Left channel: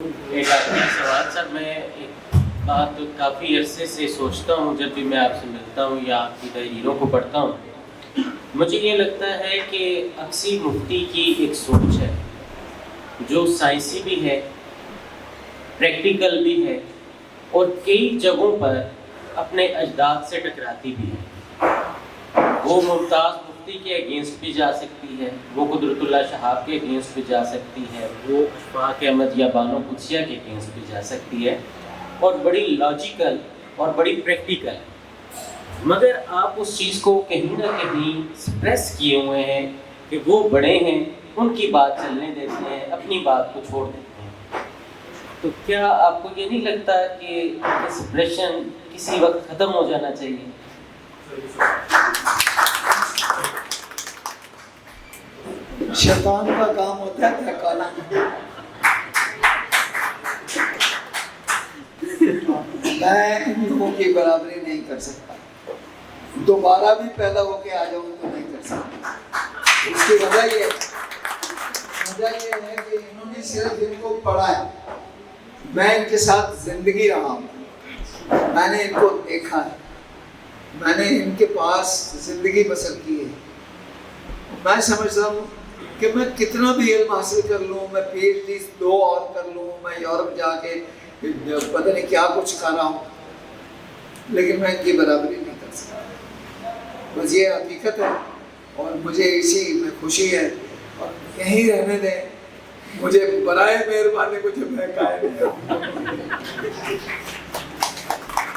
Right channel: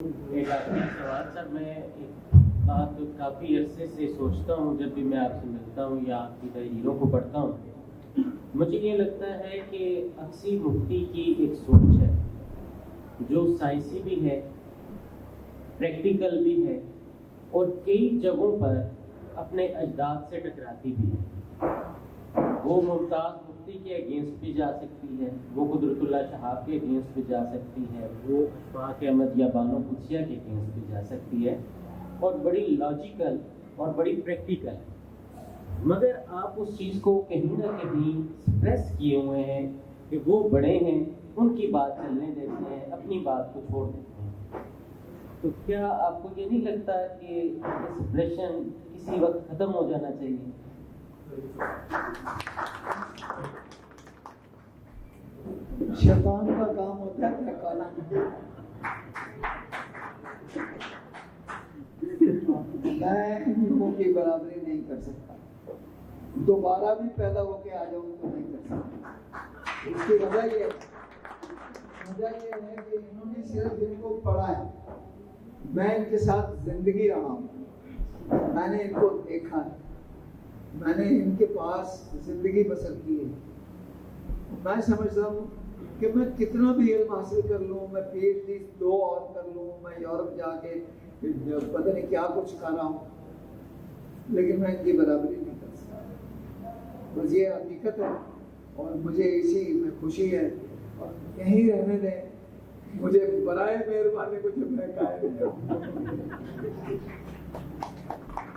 ایک آخری سوال سر، میں ایک بات کافی عرصے سے سوچتا ہوں جب بھی میں آپ سے ملتا ہوں یا آپ کی تحریروں کو پڑھتا ہوں، مجھے یہ لگتا ہے کہ اکثر مفتی کی ایک سوچ ہے جو سائنسی بھی ہے، پریکٹیکل بھی ہے، اور کئی جگہوں پر اپنے اجداد سے ٹکراتی بھی ہے۔ وہ ممتاز مفتی کے اگینسٹ بھی جا سکتی ہے، وہ قدرت اللہ شہاب کے اگینسٹ بھی جا سکتی ہے، وہ اشفاق احمد یا بانو قدسیہ کے اگینسٹ بھی جا سکتی ہے، اور بڑی لاجیکل اور بڑی پریکٹیکل ہے۔ مگر آپ اس چیز کو کہیں نہ کہیں سپریس کیے ہوئے ہیں کہ وہ بڑے ہیں، ان کی بات چلنے دیتے ہیں، اپنی بات کو چھوڑ دیتے ہیں۔ تو کیا آپ کو یہ نہیں لگتا کہ سپریشن کسی وقت ختم ہو جانا چاہیے؟ شیطان کا کام ہوتا ہے بہکانا۔ میں ان لوگوں کی برابری نہیں کر سکتا، دوبارہ بھی پیدا ہو کے آ جاؤں تو نہیں کر سکتا۔ اس کی وجہ یہ ہے کہ انہوں نے صرف ان کو پڑھا ہے، میں ان کے ساتھ زندگی رہا ہوں، میں نے ان کو دیکھا ہے، میں نے ان کے پاس زندگی بسر کی ہے۔ میں سمجھتا ہوں کہ میں کتنا بھی علم حاصل کر لوں، میں پی ایچ ڈی 2 اور کر لوں، میں یورپ جا کے پتہ نہیں کیا کچھ کر رہا ہوں، لیکن میں ان کی برابری نہیں کر سکتا۔ بس یہ حقیقت ہے، اور مجھے اسی میں خوشی ہے، اور یہیں رہنے دیں، مجھے برائے مہربانی مجھے بہکائے نہیں۔